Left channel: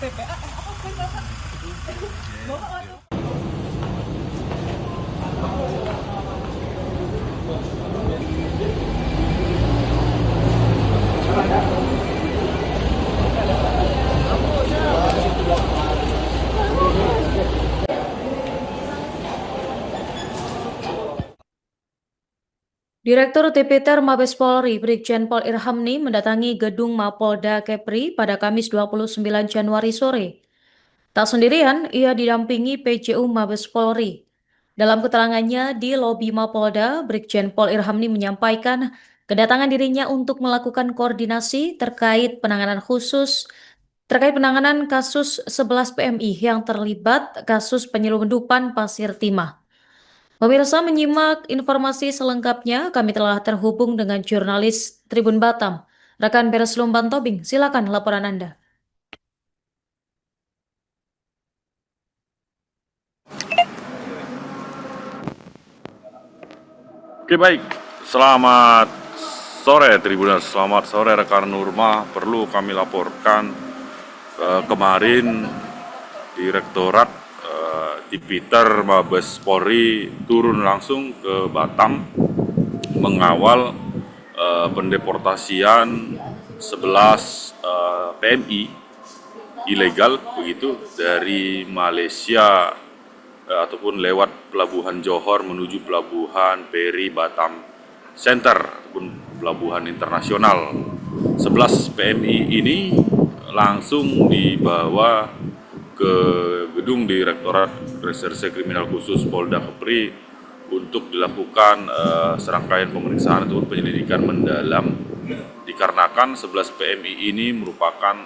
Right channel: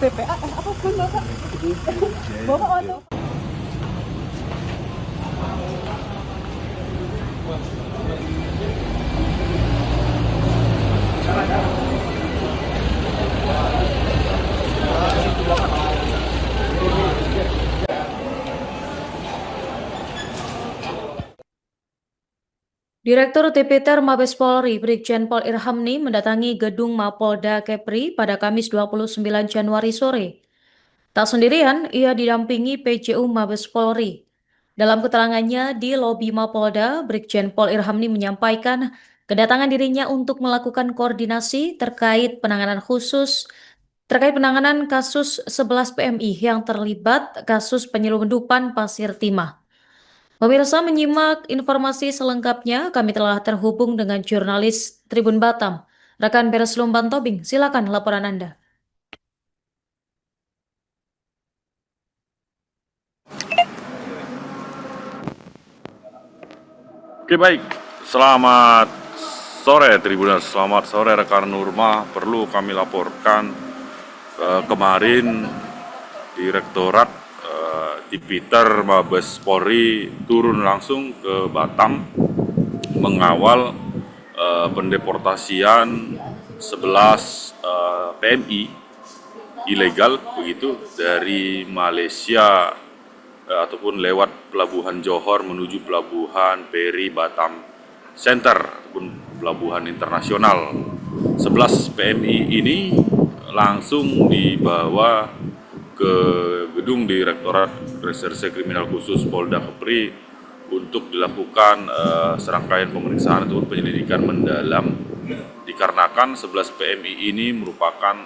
TPA apa pun Bapak? Bapak atau Direktur Tipiter Mabes Polri, Brigjen Pol Irhamni mendatangi gedung Mapolda Kepri pada Kamis 29 Januari sore. Tak sendirian, ia didampingi PJU Mabes Polri. Dalam keterangannya di lobi Mapolda, Brigjen Pol Irhamni menyampaikan kedatangan dirinya untuk melakukan koordinasi terkait penanganan kasus 11 PMI yang terlibat kasus penyelundupan pasir timah. Pemirsa, menyimak informasi selengkapnya, kami telah terhubung dengan jurnalis Tribun Batam, rekan Beres Lumban Tobing. Silakan laporan Anda. Oke, baik, selamat sore Tribuners, selamat sore rekan Nurma. Perlu kami laporkan kemarin Direktorat Tipiter Mabes Polri turun langsung ke Batam mengawal pendeportasian 11 PMI ilegal begitu dari Malaysia ataupun lewat pelabuhan Johor menuju pelabuhan Peri Batam Center ataupun pelabuhan internasional. 11 PMI ini langsung dibawa ke gedung Direktorat Reserse Kriminal Khusus Polda Kepri untuk dilakukan serangkaian pemeriksaan ataupun penyelidikan mendalam, dikarenakan 11 PMI ini merupakan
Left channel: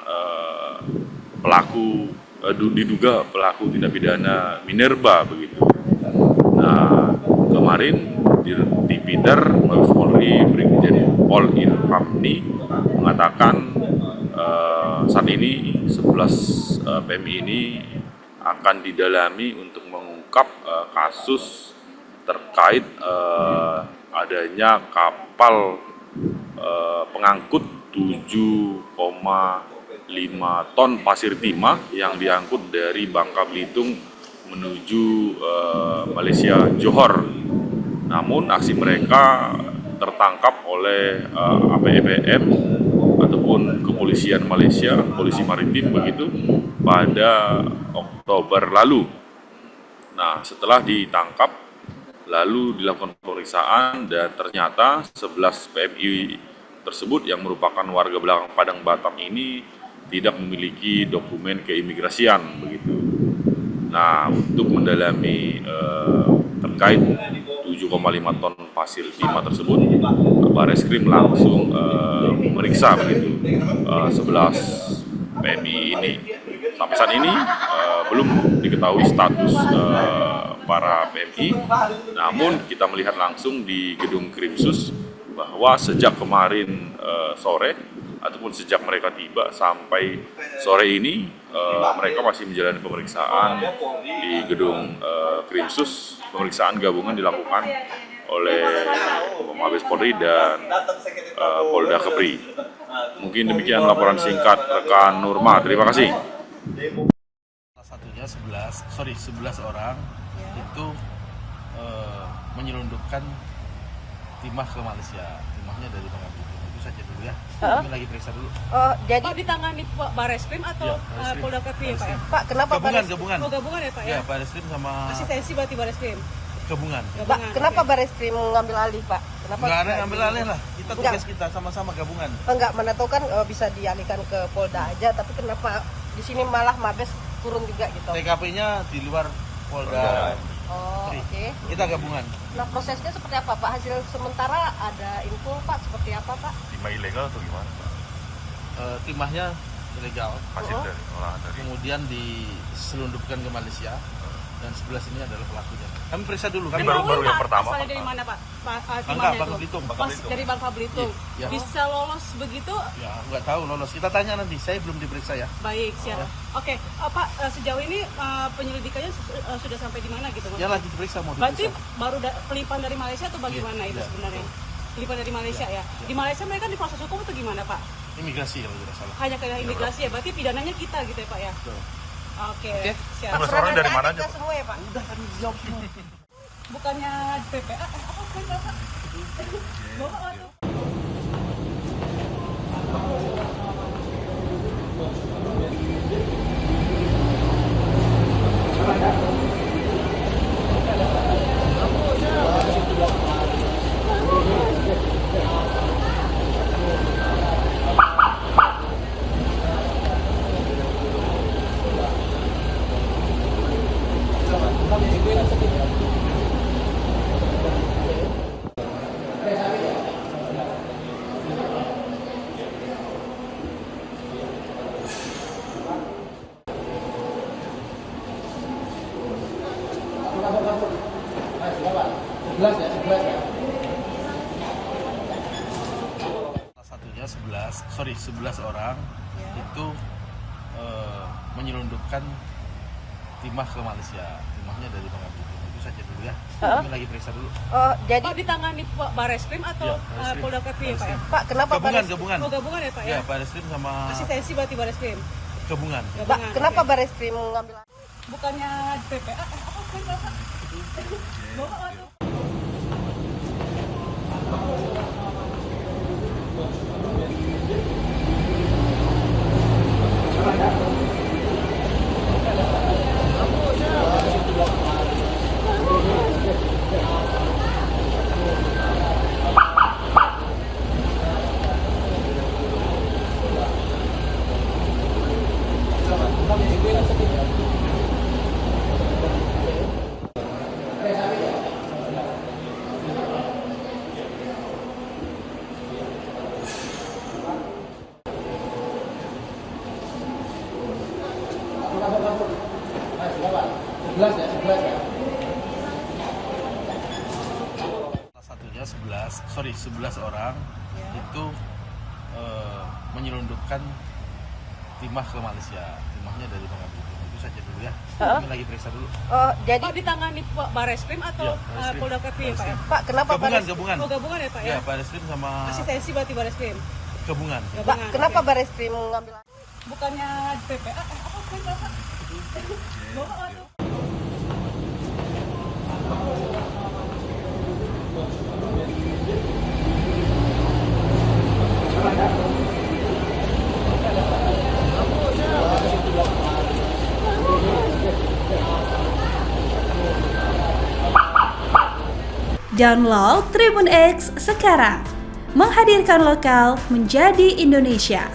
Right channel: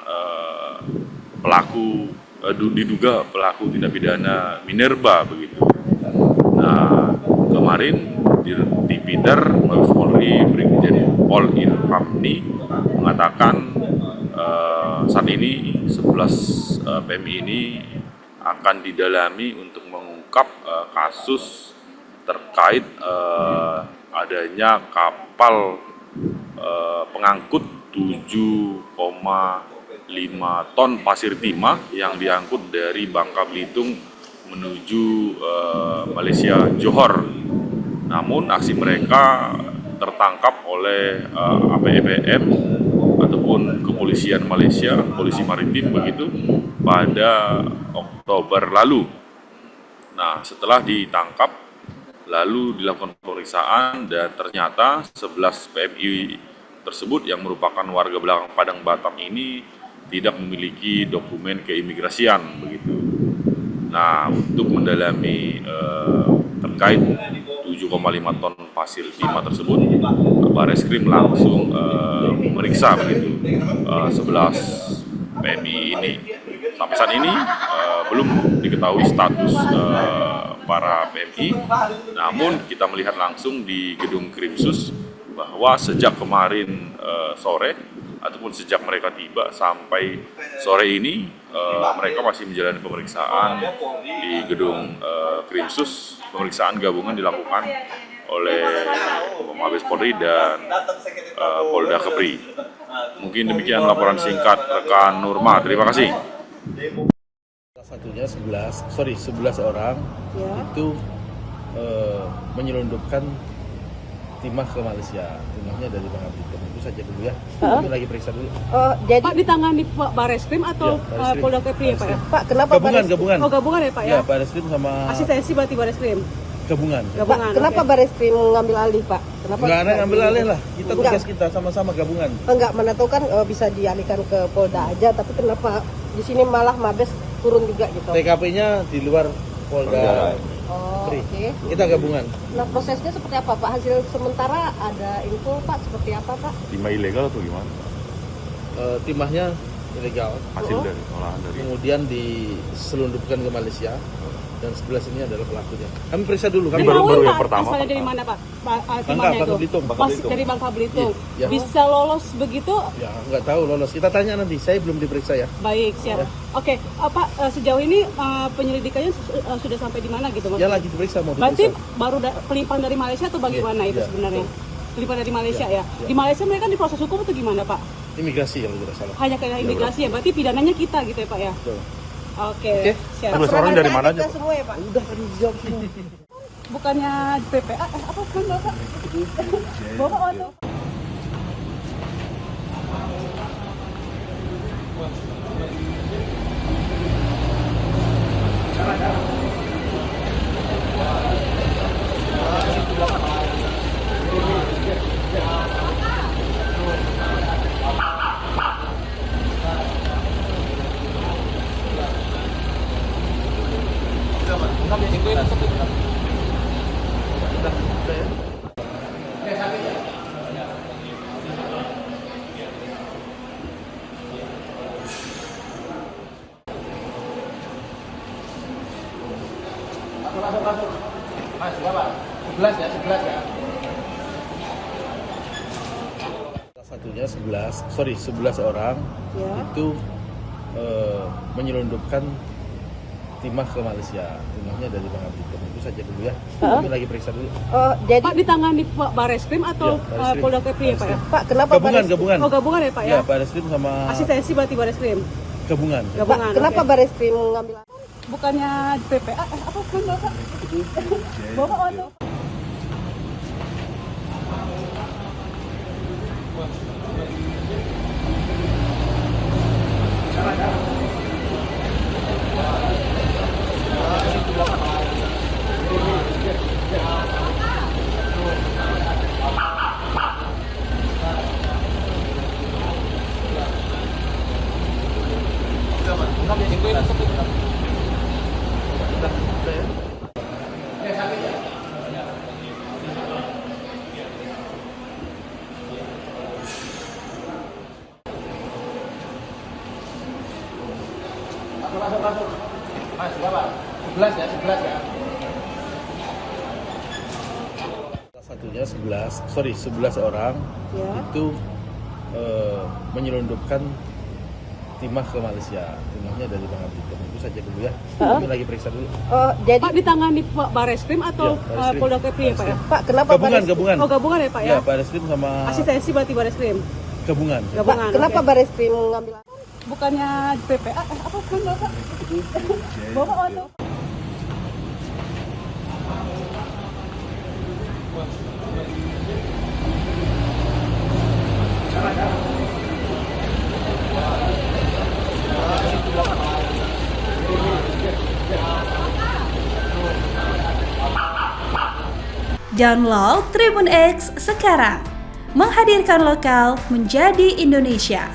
diduga pelaku tindak pidana minerba begitu. Nah, kemarin di Tipiter Mabes Polri Brigjen Pol Irhamni mengatakan saat ini 11 PMI ini akan didalami untuk mengungkap kasus terkait adanya kapal pengangkut 7,5 ton pasir timah yang diangkut dari Bangka Belitung menuju Malaysia Johor. Namun aksi mereka tertangkap oleh APBM ataupun kepolisian Malaysia, polisi maritim begitu, pada Oktober lalu. Nah, setelah ditangkap lalu dilakukan pemeriksaan dan ternyata 11 PMI tersebut yang merupakan warga belakang Padang Batam ini tidak memiliki dokumen keimigrasian begitu. Nah, untuk mendalami terkait 7,5 ton pasir timah tersebut, Bareskrim langsung memeriksa begitu 11 PMI ini. Sampai saat ini belum diketahui status para PMI, namun kita melihat langsung di gedung Krimsus bahwa sejak kemarin sore ataupun sejak mereka tiba sampai sore ini mereka masih menjalani pemeriksaan di gedung Krimsus. Pemeriksaan gabungan dilakukan oleh Mabes Polri dan Polda Kepri. Mungkin demikian laporan singkat rekan Nurma. Terima kasih. Salah satunya 11 orang itu menyelundupkan timah ke Malaysia. Timahnya dari Bangka Belitung. Itu saja dulu ya. Kami lagi periksa dulu. jadi Pak ditangani Pak Bareskrim atau Bareskrim. Polda Kepri ya Pak? Pak, Kenapa gabungan. Oh, gabungan ya Pak ya? Ya, Bareskrim sama Asistensi berarti Bareskrim. gabungan. Gabungan. Kenapa Bareskrim ngambil alih, Pak? Kenapa? Enggak ada ngambil alih lah. Kita tugas kita sama-sama gabungan. Enggak, menentukan bisa dialihkan ke Polda aja, tapi kenapa di sini malah Mabes turun juga gitu? TKP-nya di luar Polda. Oh, Kepri. oke. Kita gabungan. Nah, prosesnya seperti apa, Pak? Hasil sementara ada info, Pak? Seperti apa, Pak? Timah ilegal atau gimana? Timahnya ilegal. Hasil dari Kemudian diselundupkan ke Malaysia. Dan 11 ini adalah pelakunya. Kami periksa dulu. Kami Tahu belum nggak pertama. asalnya dari mana Pak? Bangka Timahnya Belitung. itu? Oh, dari Bangka Belitung. Iya. Bisa lolos begitu? Ya, nggak tahu lolos. Kita tanya nanti. Saya belum diperiksa ya. Baik, siap. Ya. Oke, Pak, sejauh ini penyelidikannya sudah sampai di mana gitu? Ya lagi diperiksa, mau Berarti diperiksa. baru pelimpaan dari Malaysia atau bagaimana itu Iya, sebenarnya? betul. Pelimpaan dari Malaysia Iya, ya? iya. Di Malaysia mereka diproses hukum atau gimana Pak? Imigrasi kalau tidak salah. Hanya ke imigrasi ya, berarti pidananya kita gitu ya Pak ya? Betul. Oke. Oke. Siap. Terus orang dari mana aja? Kita semua ya Pak. Udah kan dijawab semua. Bukannya PPA, apa pun Bapak? Bapak atau? Salah satunya 11 orang Ya. itu menyelundupkan timah ke Malaysia. Timahnya dari Bangka Belitung. Itu saja dulu ya. Kami lagi periksa dulu. Oh, jadi Pak ditangani Pak Bareskrim atau Iya, Bareskrim. Polda Kepri ya Pak ya? Pak kenapa Gabungan. Oh gabungan ya Pak ya? Ya, Bareskrim sama Asistensi berarti Bareskrim? gabungan. Gabungan. Kenapa oke. Bareskrim ngambil? Bukannya PPA, apa pun Bapak? Bapak atau? Salah satunya 11 orang Ya. itu menyelundupkan timah ke Malaysia. Timahnya dari Bangka Belitung. Itu saja dulu ya. Kami lagi periksa dulu. Oh, jadi Pak ditangani Pak Bareskrim atau Iya, Bareskrim. Polda Kepri ya Pak ya? Pak kenapa Gabungan. Oh gabungan ya Pak ya? Ya, Bareskrim sama Asistensi berarti Bareskrim? gabungan. Gabungan. Kenapa oke. Bareskrim ngambil? Bukannya PPA, apa pun Bapak? Bapak atau? Download Tribun X sekarang, menghadirkan lokal menjadi Indonesia.